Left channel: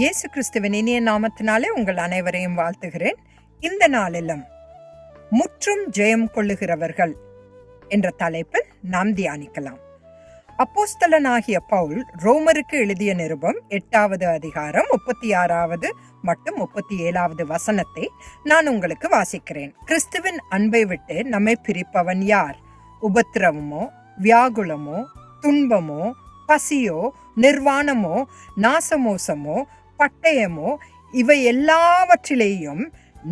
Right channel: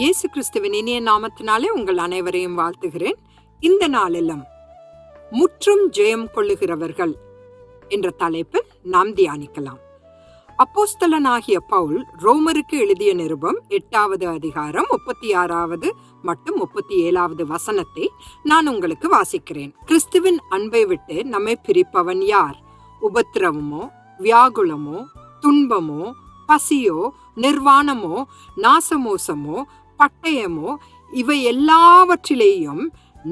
இயேசு கிறிஸ்துவின் இனிய நாமத்தினாலே உங்கள் அனைவரையும் வாழ்த்துகிறேன். இந்த நாளிலும் முற்றும் ஜெயம் கொள்ளுகிறவர்கள் என்ற தலைப்பில் நாம் தியானிக்கலாம். அப்போஸ்தலனாகிய பவுல் ரோமருக்கு எழுதிய நிருபம் 8வது அதிகாரம் 36வது மற்றும் 37வது வசனத்தை நான் உங்களுக்கு வாசிக்கிறேன். கிறிஸ்துவின் அன்பை விட்டு நம்மை பிரிப்பவன் யார்? உபத்திரவமோ, வியாகுலமோ, துன்பமோ, பசியோ, நிர்வாணமோ, நாசமோசமோ, பட்டயமோ, இவை எல்லாவற்றிலேயும்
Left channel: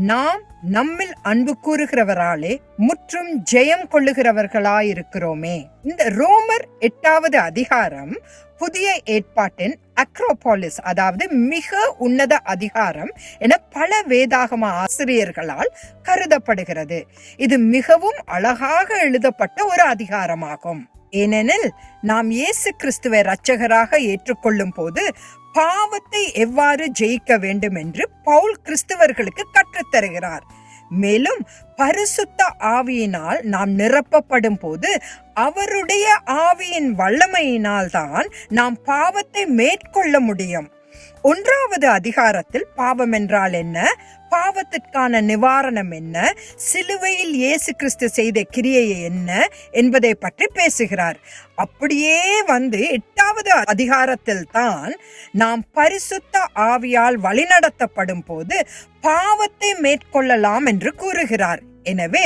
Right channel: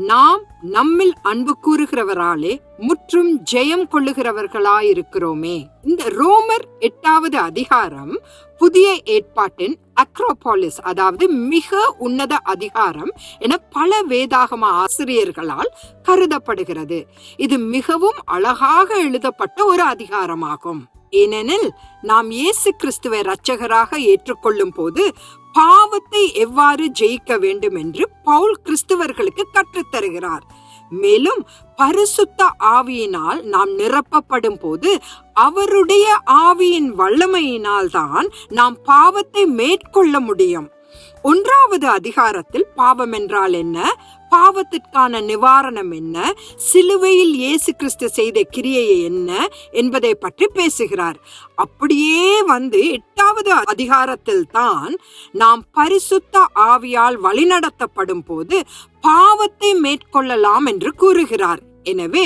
நாம் நம்மில் அன்பு கூறுகிறவராலே முற்றும் ஜெயம் கொள்ளுகிறவர்களாயிருக்கிறோமே. இந்த ரோமர் 8வது அதிகாரம் புதிய ஏற்பாட்டின் அக்ரோபாலிஸ், அதாவது மிக உன்னத அதிகாரம் என பல வேதாகம ஆசிரியர்களால் கருதப்படுகிறது. இது மிகவும் அழகாக எழுதப்பட்ட ஒரு அதிகாரமாகும். ஏனெனில் நாம் இயேசு கிறிஸ்துவை இரட்சகராக ஏற்றுக்கொள்ளும் போது பாவத்தை எவ்வாறு ஜெயிக்க வேண்டும் என்று பவுல் கிறிஸ்துவர்களுக்கு கற்றுத்தருகிறார். மேலும் பரிசுத்த ஆவியினால் நாம் நிரப்பப்படும் போது அவருடைய ஆவியின் வல்லமையினால் தான் நாம் பாவத்தை மேற்கொள்ள முடியும். 1வது அதிகாரத்தில் பாவம் என்றால் என்ன, பாவத்திற்கான நிவாரணம் என்ன, சிலுவையில் இயேசு கிறிஸ்து செய்த கிரியை என்ன என்பதை பற்றி பேசுகிறார். அப்படியே 8வது அதிகாரத்தில் தான் நாம் பரிசுத்த ஆவியால் வழிநடத்தப்படும் போது பாவத்தை மேற்கொள்ளலாம் என்று கூறுகிறார். எனவே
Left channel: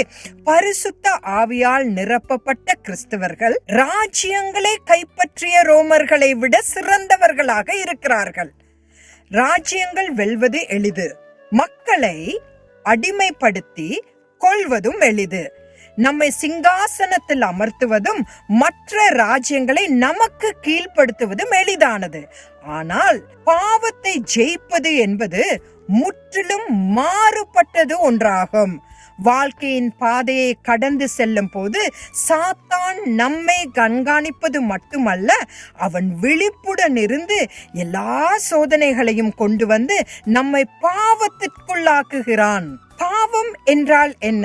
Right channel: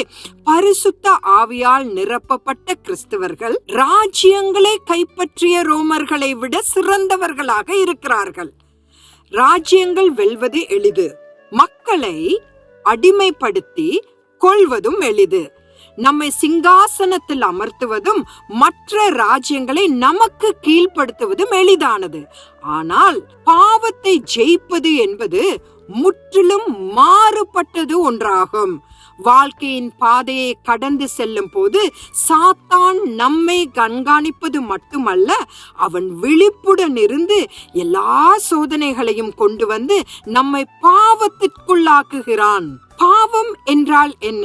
பரிசுத்த ஆவியால் நிரப்பப்பட்ட கிறிஸ்தவர்கள் ராஜ்யங்களை கைப்பற்றிய ரோமர்களை விட சிறந்தவர்களாக இருக்கிறார்கள். ராஜ்யங்கள் வெல்வது எளிது, மக்களை அடிமைப்படுத்தி கொள்வதும் எளிது. நம்மை சிங்காசனத்தில் அமர்த்துவதும் மற்ற ராஜ்யங்களை நமக்கு கீழ்ப்படுத்துவதும் எளிதானது. ஆனால் பாவத்தை ஜெயிப்பது என்பது முற்றிலும் மாறுபட்டது ஒன்றாகும். வாழ்க்கையின் பாதையை கடந்து செல்லும் போது சாத்தான் நம்மை கண்காணிப்பது மட்டுமல்ல, அவன் விழிப்புடன் இருந்து எல்லா சோதனைகளையும் கொண்டு வந்து நம்மை பாவத்திற்குள்ளாக்குகிறான். பாவம் என்றால் என்ன?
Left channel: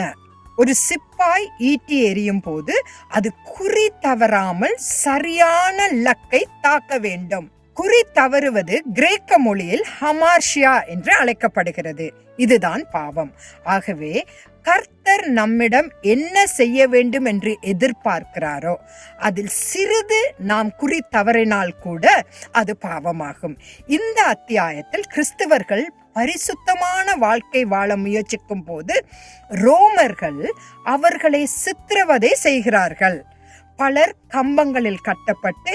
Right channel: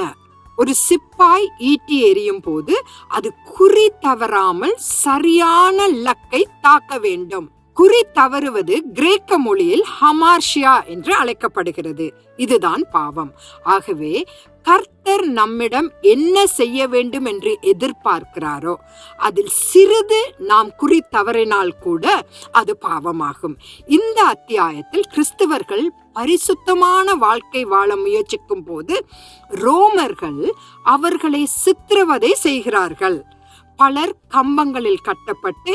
ஒரு சிப்பாய் ஈட்டி எறியும் போது அது குறி தவறாமல் சரியான லக்கை தாக்க வேண்டும். குறி தவறுவது கிரேக்க மொழியில் ஹமார்ஷியா என்று அழைக்கப்படுகிறது. இதுதான் பாவம். ஆகவே கர்த்தர் நம்மிடம் என்ன செய்ய வேண்டும் என்று எதிர்பார்க்கிறாரோ அதில் சிறிது நாம் குறி தவறினால் கூட அது பாவமாகும். இந்த அத்தியாயத்தில் கிறிஸ்தவர்கள் பரிசுத்தமான வாழ்க்கை வாழ முயற்சிக்கும் போது ரோமர்கள் அவர்களை சித்திரவதை செய்கிறார்கள். பலர் கம்பங்களில் கட்டப்பட்டு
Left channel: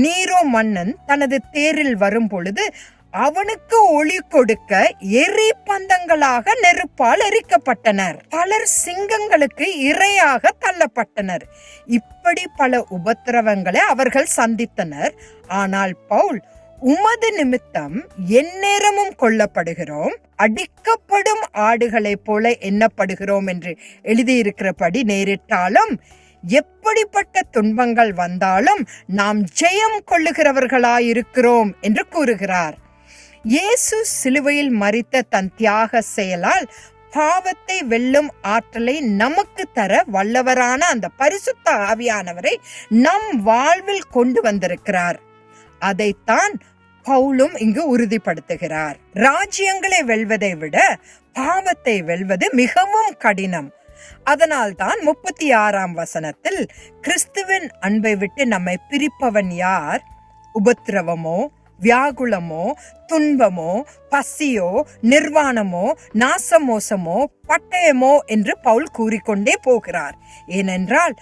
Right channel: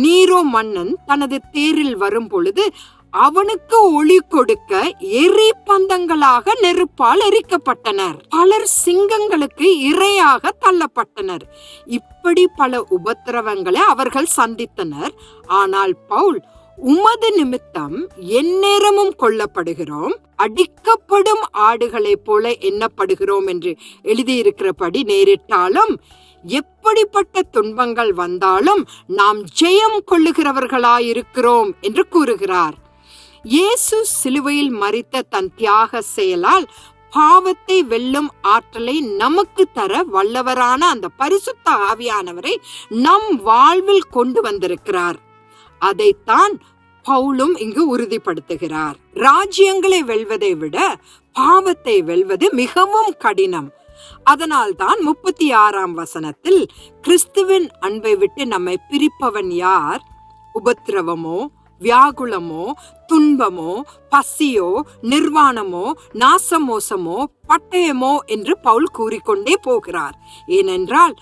நீரோ மன்னன் தனது தேரில் வரும் பொழுது அவனுக்கு ஒளி கொடுக்க எரி பந்தங்களாக நெருப்பால் எரிக்கப்பட்டனர். பலர் சிங்கங்களுக்கு இரையாக தள்ளப்பட்டனர். இப்படி பல உபத்திரவங்களை அவர்கள் சந்தித்தனர். ஆனால் பவுல், உமது நிமித்தம் எந்நேரமும் கொல்லப்படுகிறோம், அடிக்கப்படும் ஆடுகளைப் போல எண்ணப்படுகிறோம் என்று எழுதியிருக்கிறபடி நேரிட்டாலும் எப்படிப்பட்ட துன்பங்கள் வந்தாலும் நாம் ஜெயம் கொள்ளுகிறவர்களாயிருக்கிறோம் என்று கூறுகிறார். இயேசு சிலுவையில் மரித்த தன் தியாக செயலால் பாவத்தை வெல்லும் ஆற்றலை நமக்கு தர வல்லவரான அந்த பரிசுத்த ஆவியானவரை நம் வாழ்வில் கொண்டு வந்திருக்கிறார். அதைத்தான் பவுலும் இங்கு உறுதிப்படுத்துகிறார். ராஜ்யங்களை வெல்வதை விட பாவத்தை வெல்வது மிகவும் கடினம். அதனால் தான் 36ஆம் வசனத்தில் கிறிஸ்துவின் அன்பை விட்டு நம்மை பிரிப்பவன் யார்? உபத்திரவமோ, வியாகுலமோ, துன்பமோ, பசியோ, நிர்வாணமோ, நாசமோசமோ, பட்டயமோ என்று பவுல் கூறிக்கொண்டே போகிறார். ஏனென்றால்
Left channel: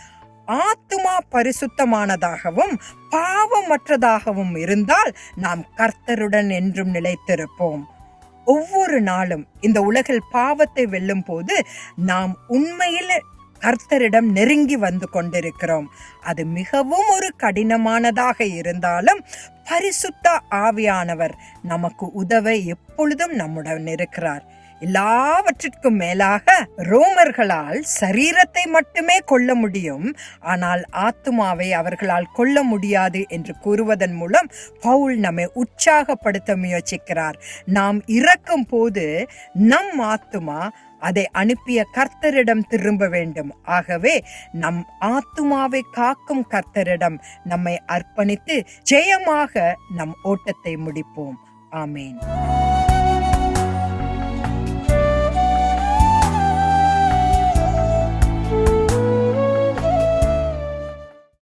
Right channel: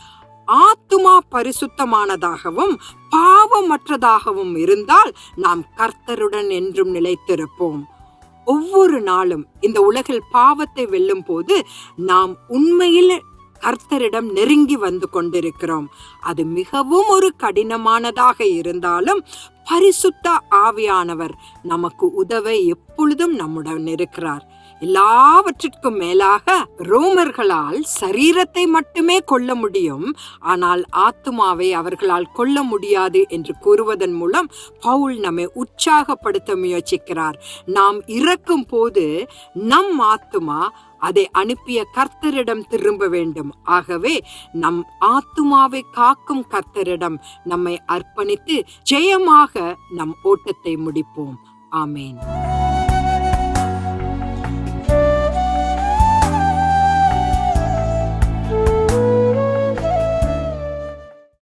ஆத்துமா பரிசுத்தமானதாகவும் பாவமற்றதாகவும் இருந்தால் நாம் கர்த்தருடன் என்றும் நிலைத்திருப்போம். ஒவ்வொரு நாளும் இந்த உலகில் பாவத்தை வெல்லும் போது நாம் உண்மையில் கர்த்தரிடம் நெருங்கி வந்து கொண்டிருக்கிறோம். அது மிகவும் ஒரு கடினமானதாக இருந்தாலும் பரிசுத்த ஆவியானவர் நமக்கு உதவ எப்பொழுதும் நம்முடன் இருக்கிறார். எல்லாவற்றிற்கும் மேலாக ரோமர்களால் சரீரத்தை மட்டுமே கொல்ல முடியும், ஆனால் ஆத்துமாவை அவர்களால் கொல்ல முடியாது என்று கூறுவதன் மூலம் பவுல் நம்மை உற்சாகப்படுத்த முயற்சிக்கிறார். நாம் இறக்கும் போது நம் ஆத்துமா அதை அனுப்பிய கர்த்தரிடம் திரும்ப வேண்டும். ஆகவே நம் ஆத்துமாவை காக்கும் கர்த்தரிடம் நம்மை அர்ப்பணித்து ஜெயமாக நம் ஓட்டத்தை முடிப்போம். ஆமேன்.